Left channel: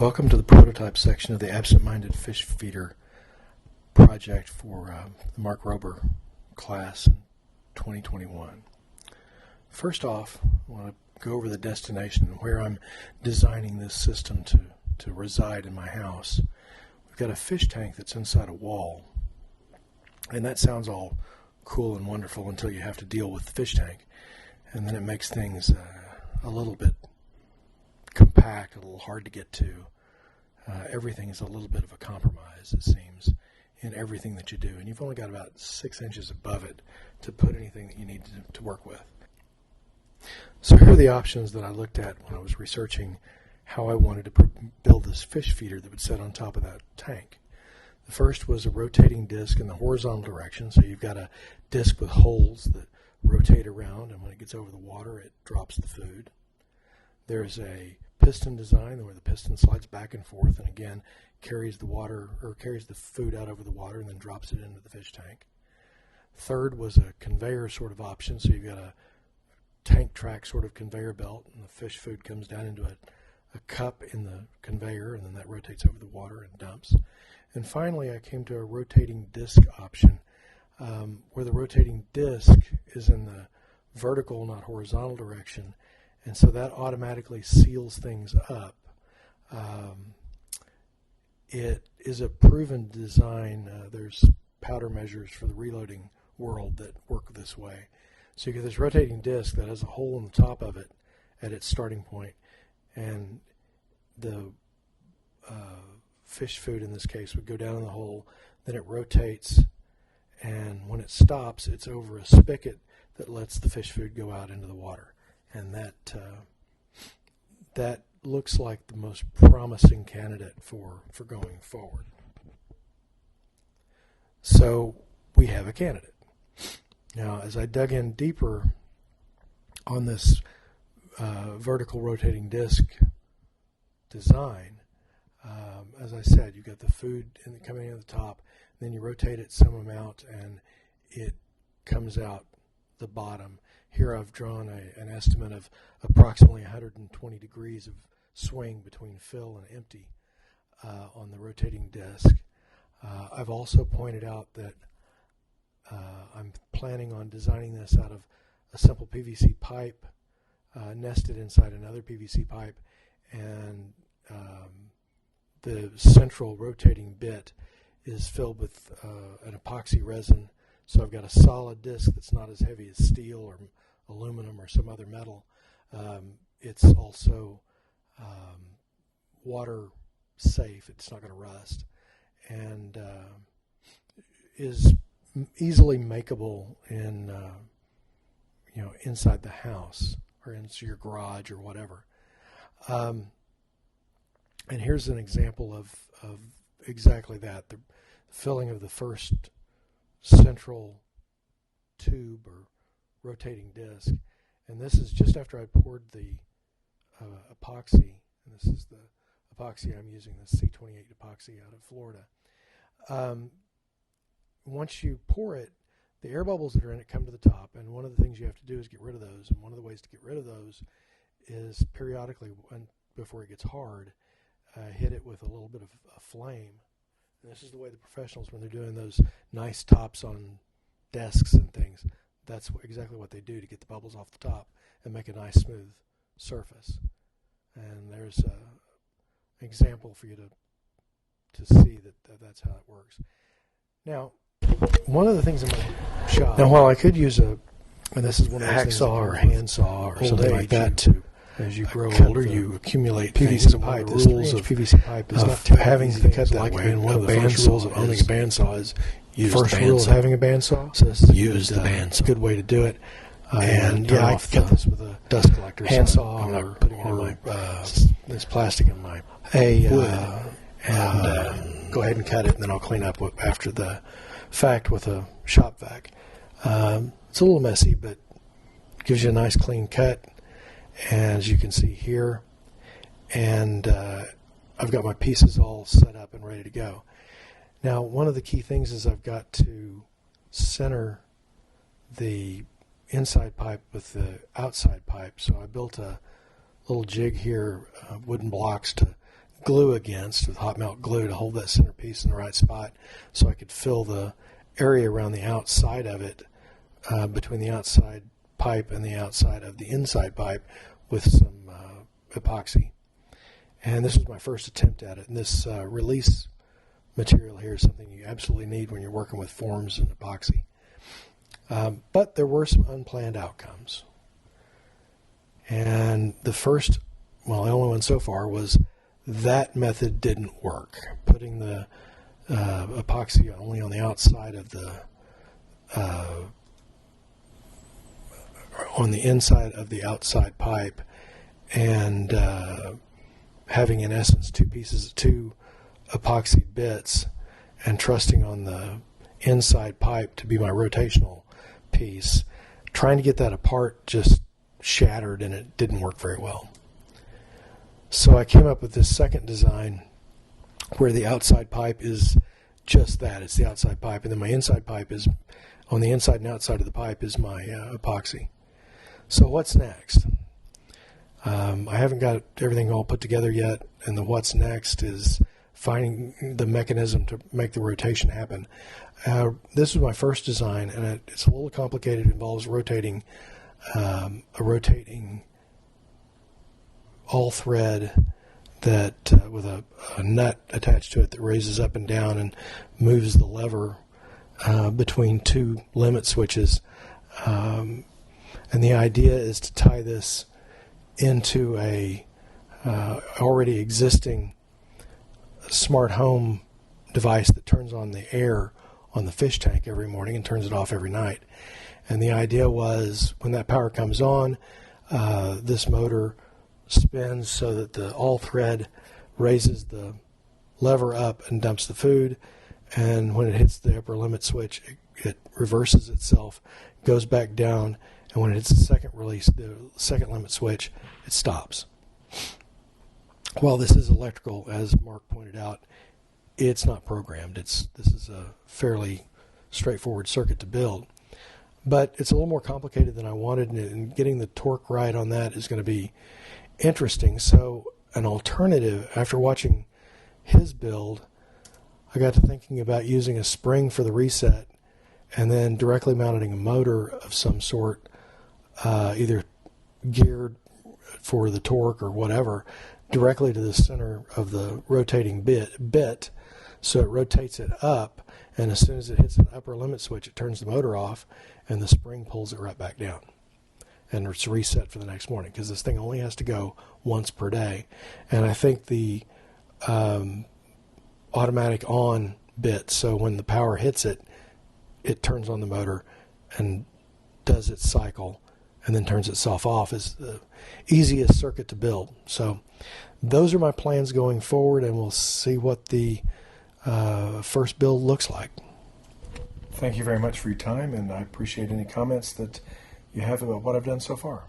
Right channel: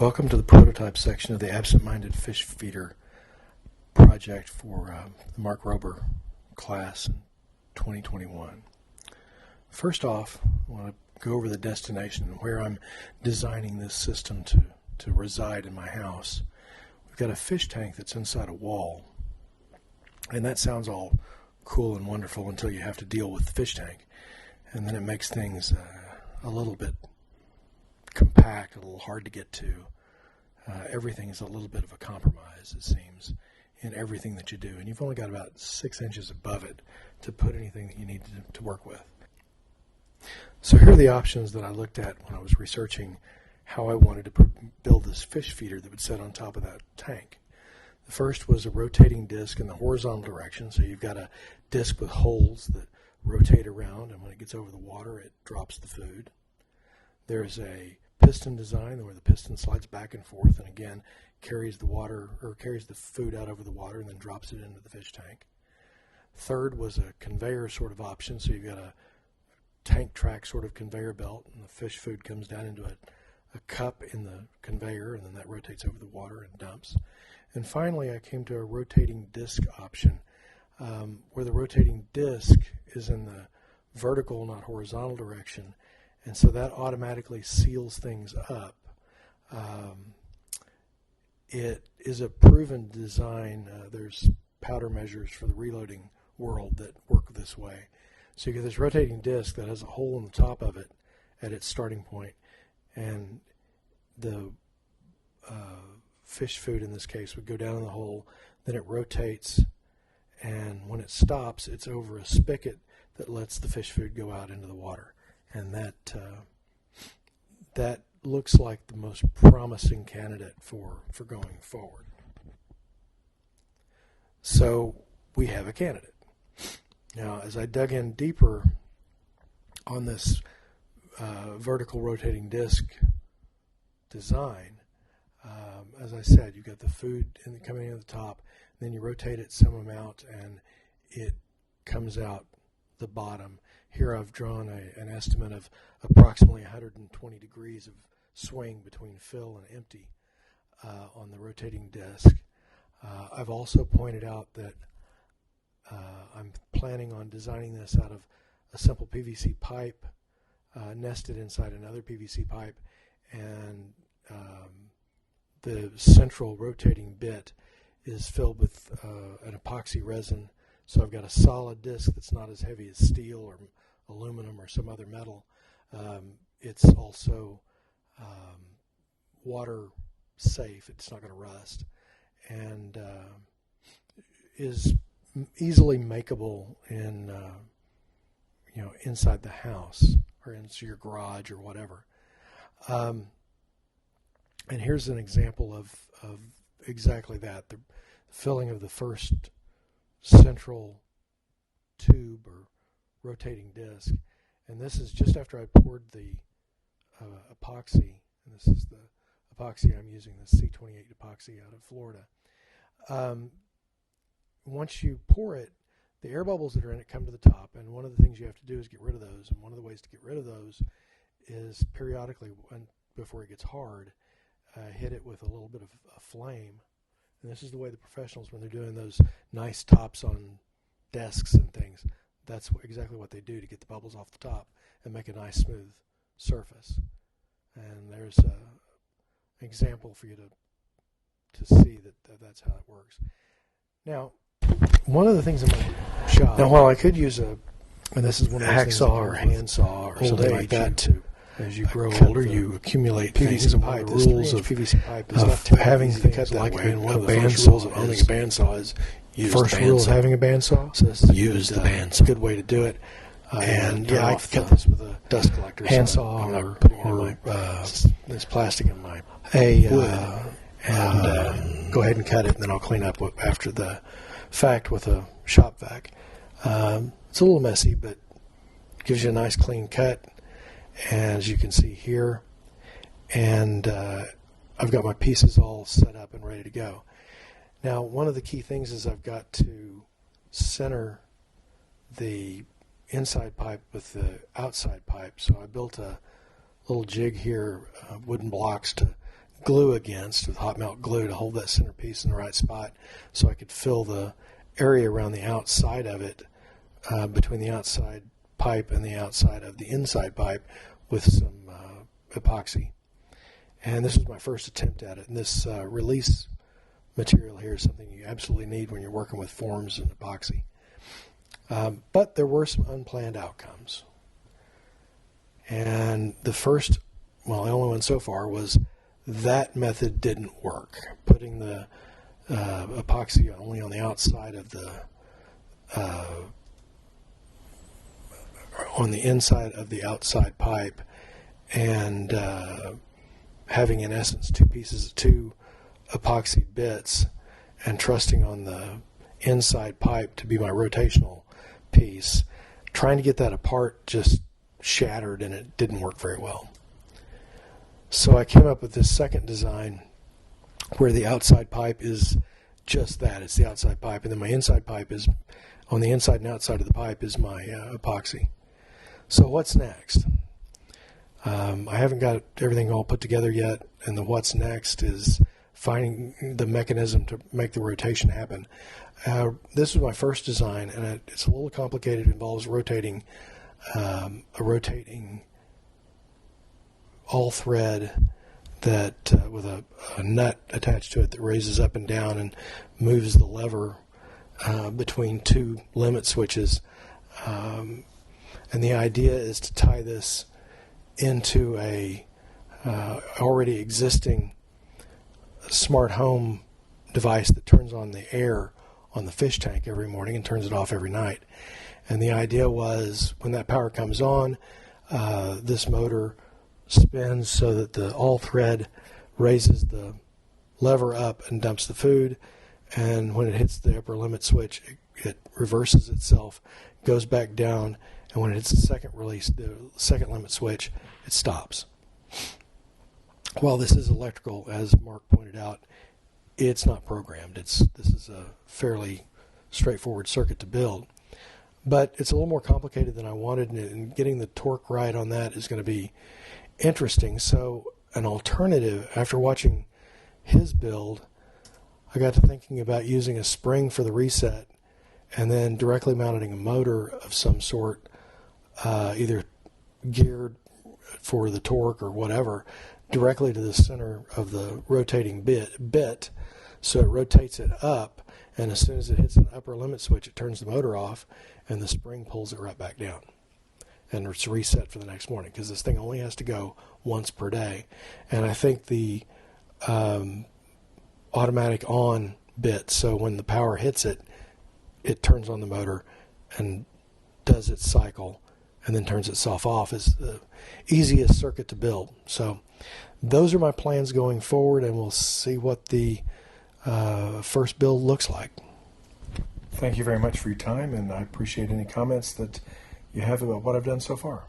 Welcome to the prototype section of the Absent-Minded Fish Feeder project for the Mark Rober class in 2021. First off, I want to go over the destination and where I'm designing this system to reside in my house. We've got a fish tank that's inside a wall, and that sounds all cool and wonderful until you have to deal with the fish tank, and then it makes things a little bit compact, a little hard to get to. Everything is a little bit of a compromise, it seems, in everything that you do, and you've only got about 6 inches above it to put anything that you need to work with. So here are the options that I looked at when I was researching how I wanted to build this fish feeder that would sit on top of that tank. The first was a rotating disc in the horizontal direction, so you've got a disc with holes that rotate around, and when it gets over the water it drops the food. There's a piston design where the piston slides back and forth and again carries the water or carries the food out over the water and then drops it into the fish tank. Third was a conveyor sort of option, so you've got a tank track sort of conveyor belt, and the fish food comes down into a cup in the conveyor, and then that rotates over the water and dumps. And finally I came to a rotating disc option, where the rotating disc is in the vertical, not horizontal direction, and so that automatically seals things up. It is a proven design. There's powder measures for the reloading world that work this way. So you get this rotating disc that has a hole in the top of it at its starting point, and the fish food in this case would go down in the hole, then it rotates, and when it stops it's over a spigot that lets the fish food go out into the water. And that looks like the most promising candidate for going forward. So we have a candidate. Now, as I dug in deeper on this vertical rotating disc design, as I said, you've got the food coming in at the top, then you rotate it some amount and it comes out the bottom. Here I've drawn an estimate of approximately 120 degrees of swing between fill and empty on the rotating disc. I've also pointed out that I'm planning on designing this out of a simple PVC pipe nested inside another PVC pipe, and the central rotating bit is filled with an epoxy resin. So I've got a solid disc that's not as heavy as steel or aluminum or some other metal. It's also water safe. It's not going to rust, and is easily makeable in inside the house or into your garage or whatever. And here's an example of exactly that: the filling of the first central tube or rotating disc, and this is just after I poured the epoxy, and this is the epoxy I'm using, the C28 epoxy out of Florida. Once you pour it, the air bubbles that are in it come to the top, and one of the things you have to do is get rid of those, and one of the ways to get rid of those is periodically, before it gets hard, hit it with a little bit of a flame. And this is the way the professionals, when they're doing those nice tops on desks and things, that's exactly what they do to get the bubbles off the top and make a nice smooth surface. And there's an example for you to see that's how it works. Now, one of the things in my shop, now while I could use and this is one of those hacksaw or handsaw or something like that to, as you grow older, you accumulate PVC pipe. The rules of PVC pipe is not having to cut that way. And one of the first rules of owning a bandsaw is first rule of having a bandsaw. So this is a good way to do it. And yeah, I cut this with a dust collector handsaw or this plastic in my wood, and go ahead and cut it, and then I'll clean up after the fact with a shop vac. It's a little messy, but it gives you a nice clean cut. As you can see here, and I've got my pieces all set up and ready to go. Now, one of the key things is I've got to center the inside pipe with the outside pipe, so I built a little jig here, wooden blocks to glue against with hot melt glue to hold that centerpiece in the right spot so I could fill the area around the outside of it, between the outside pipe and the outside of the inside pipe, with some epoxy. And this was my first attempt at it. And this release material here is something you absolutely need when you're working with forms and epoxy. But there were some unplanned outcomes. And the only one so far, was that method didn't work. Putting the epoxy only on the outside of the on the inside of the outside pipe, and having in essence two epoxy bits, and trusting on the inside pipe to be my rotational piece, trying to get that apart just shattered, and it didn't work very well. So I came up with this second design where the outside pipe is just that. It's the outside pipe, and then my inside pipe is, on the inside and outside of the pipe is my epoxy. So what's next? I haven't got everything all put together yet, and the what's next is finding the mechanism to make the rotation happen. This was my first design, and it's a little complicated. It involves rotating a rotating all thread that with a nut attached to it that raises up and down and moves the lever between two limit switches. And the idea is to tie this into a already existing smart home device that turns on the air on the fish tank every morning and turns it off every night. And the idea was, when that power comes on, this motor spins so that the all thread raises the lever up and dumps the food, and when it hits the upper limit switch, it reverses itself, goes back down, and when it hits the second release, the second limit switch, it stops. While this is electrical, as Mark pointed out, it's not programmed. This is a fairly straightforward circuit to build, but it's a little more complicated than I wanted, and getting the torque right on that is going to be interesting. So an alternative, after watching his build, I got to thinking about using a spring for the reset and then directly mounting a motor of some sort, either geared for the torque or whatever, directly to the center of the rotating bit, so it rotates it up, and as soon as it hits an upper limit switch, it turns the motor off, and the spring pulls it right back down. And it's reset for the next morning, because this thing only has to go once per day. And I think the automatic on bit, so when the power hits it, it turns on the motor and does its cycle and then turns itself off, is the easiest circuit to build. So those are my plans going forward, and we'll see what the first build looks like. Thank you very much for your time, and I appreciate any comments that you have about what I've done so far.